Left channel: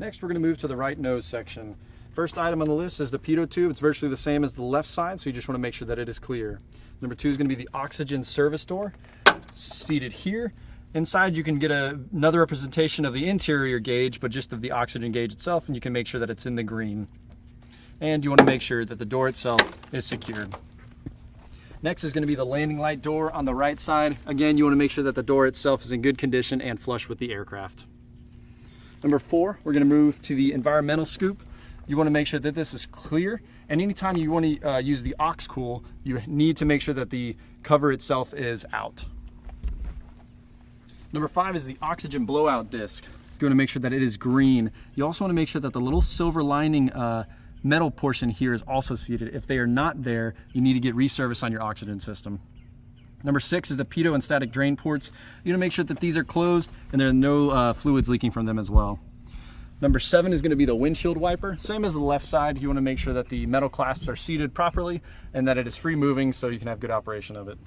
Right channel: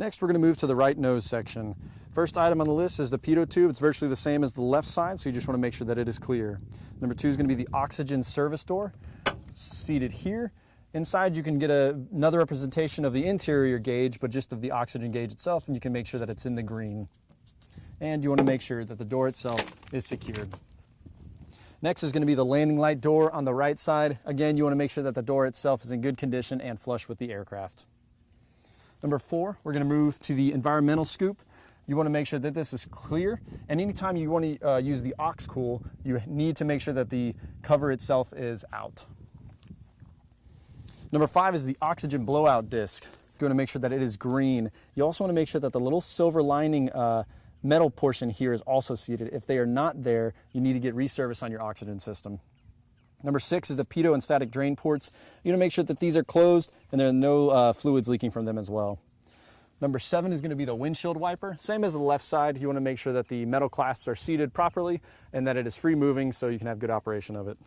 Next, we're going to move to the right nose section. First item on the list is the pitot tube. It's virtually the same as the left side, so you just want to make sure that it is clear. Number 2 is going to be the oxygen service door, seated here. Inside you can get another representation of the interior gauge, but just of the oxygen gauge itself, and you can make sure that it's in the green. And you want to make sure that the door itself is secured. Next is going to be the landing light door on the right side. Again, you want to make sure that the door itself is in good condition and flush with the aircraft. Number 4, we're going to move to the environmental scoop. You want to make sure that this is clear, and anytime you want to use the aux-cool, you need to make sure that the cover itself is out. Number 5 is the oxygen blowout disc. You want to make sure that it is green. You also want to make sure that the little silver lining metal portion here is also seated. If they are not there, you need to get reservice on your oxygen system. Number 6 is the pitot and static drain ports. You want to make sure that these are closed and there are no fluids leaking from them as well. Number 7 is going to be the windshield wiper. Same as the left side, you want to make sure that the metal clasps are seated properly and that it is free moving so you can have good operation of it.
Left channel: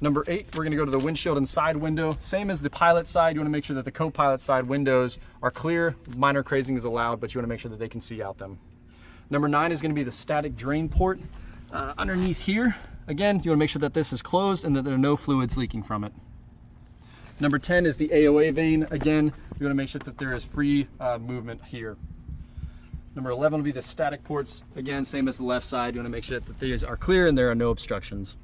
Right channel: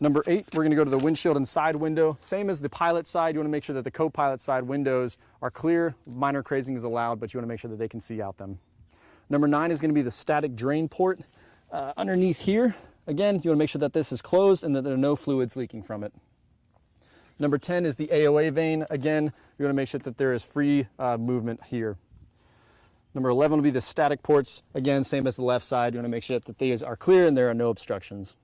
Number 8, we're going to go to the windshield and side window. Same as the pilot side, you want to make sure that the co-pilot side windows are clear. Minor crazing is allowed, but you want to make sure that they can see out them. Number 9 is going to be the static drain port. Underneath here, again, you want to make sure that this is closed and that there are no fluids leaking from it. Number 10 is the AOA vane. Again, you want to make sure that there is free movement here. Number 11 will be the static ports. Again, same as the left side. You want to make sure that these are clear and there are no obstructions.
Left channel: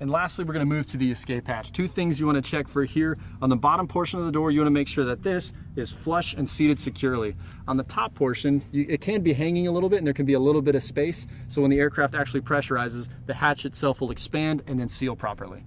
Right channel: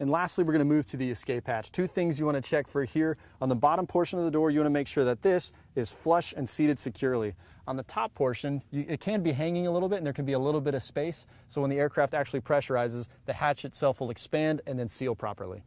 And lastly, we're going to move to the escape hatch. 2 things you want to check for here. On the bottom portion of the door, you want to make sure that this is flush and seated securely. On the top portion, it can be hanging a little bit and there can be a little bit of space. So when the aircraft actually pressurizes, the hatch itself will expand and then seal properly.